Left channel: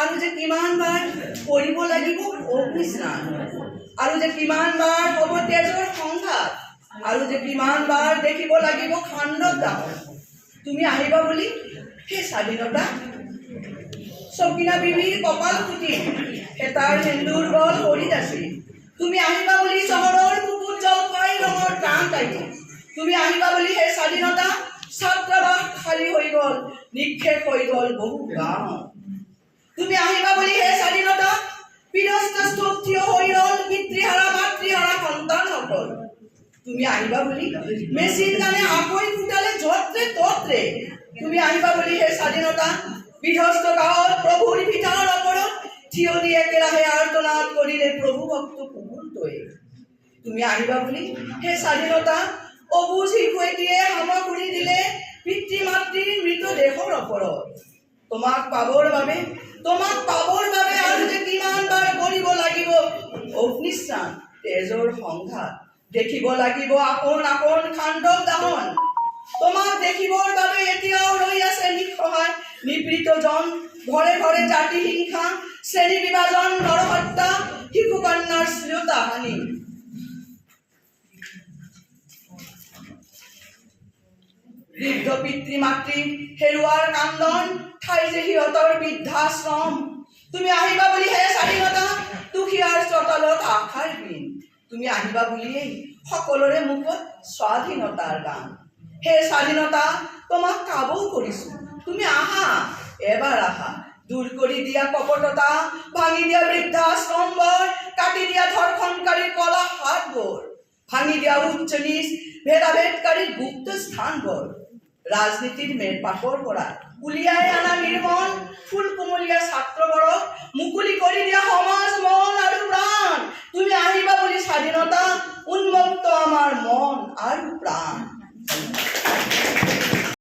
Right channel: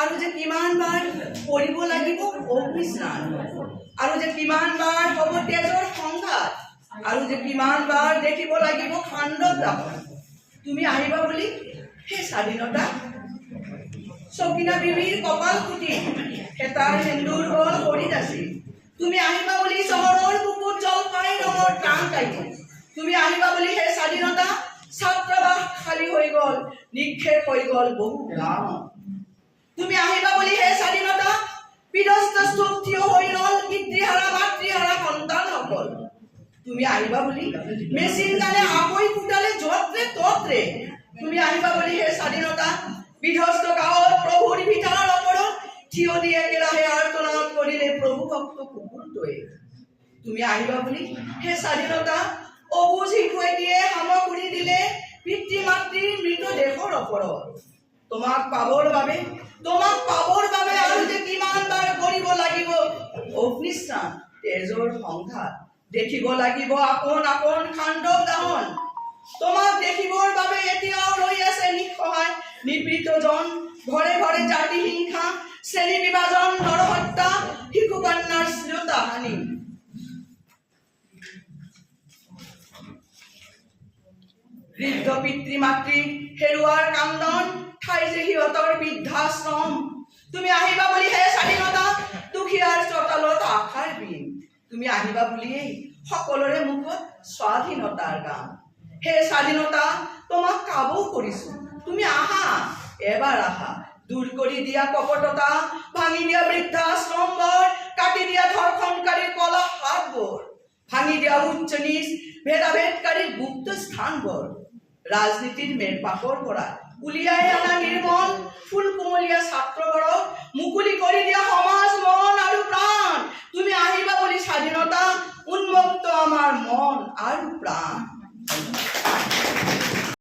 আৰু যে কিমানবাৰ কৰিব লাগিব অগ্নিস্নান, আৰু যে কিমানবাৰ হ'ব তেজৰ সংঘাত, আৰু যে কিমানবাৰ দেখিব লাগিব খাণ্ডৱ দাহন। তুমি আহিবা বুলি সেই স্বাধীনতা চকিনা বিবিৰ কপাল ফুটি হেতাৰ সেন্দুৰ বল হৰিত আছিল। তুমি আহিবা বুলি চহৰৰ বুকুত জলপাই ৰঙৰ ট্ৰাম কাইটি। তুমি আহিবা বুলি সেই স্বাধীনতা ছাত্ৰাবাস খালী হৈ গ'ল, নিক্ষেপ হৈ গ'ল বহু গাঁও। তুমি আহিবা বুলি সেই স্বাধীনতা পিৰস্ত থিয় হৈ ৰ'ল পিতৃহাৰা মাতৃহাৰা সন্তানসকল। তুমি আহিবা বুলি মেচিন গানে আকৈ ফুটালে যত্ৰে তত্ৰে। তুমি আহিবা বুলি সেই স্বাধীনতা বিধ্বস্ত গাঁৱত প্ৰভুৰ ভিটাৰ ওপৰত থিয় দি একেৰাহে আৰ্তনাদ কৰিলে প্ৰভু ভক্ত কুকুৰটোৱে। তুমি আহিবা বুলি সেই স্বাধীনতা অবুজ শিশুটিয়ে সামগ্ৰী দিলে পিতৃ মাতৃৰ মৃতদেহৰ ওপৰত। তোমাক পাবৰ বাবে আৰু যে কিমানবাৰ কৰিব লাগিব অগ্নিস্নান তেজৰ সংঘাত, দেখিব লাগিব আপোন আপোন খাণ্ডৱ দাহন। তোমাক দেখিবৰ বাবে এতিয়াও ৰৈ আছে নিঃসহায় নিপীড়িতজন, ঘৰে ঘৰে জাতি হিংসা শ্ৰেণী বিভাজন নৰহত্যা শিশু কন্যাৰ শ্লীলতাহানি। বৃদ্ধ পিতৃ মাতৃ হেৰুৱাৰ কান্দন, ঠাই যে সিহঁতৰ বৃদ্ধাশ্ৰম। তুমি আহিবা বুলি হে স্বাধীনতা দুখীয়াৰ চোতালত আশাৰ বিন। তুমি আহিবা বুলিয়েই সকলোৰে মুখত স্বাধীনতাৰ গান। হে স্বাধীনতা তোমাক কাবৌ কৰিছো, তুমি আহা এবাৰ আহা। দূৰ কৰি দিয়া কপটতা, ভাঙি দিয়া বৃদ্ধাশ্ৰমবোৰ, কাটি দিয়া ধৰ্ষণকাৰীৰ কলা হাতবোৰ, ভাঙি দিয়া উচ্চ নিচ ভেদাভেদকাৰীৰ গুপ্ত স্থানবোৰ, ৰাজনীতিৰ মেৰপাকৰ পৰা উলিয়াই অনা নিৰ্মল ফুল কুমলীয়া ছাত্ৰবোৰক মুকলি কৰি দিয়া সমাজ মন আৰু প্ৰাণ। তুমি আহিবা বুলি স্বাধীনতা উন্মুক্ত আমাৰ মন আৰু প্ৰাণ।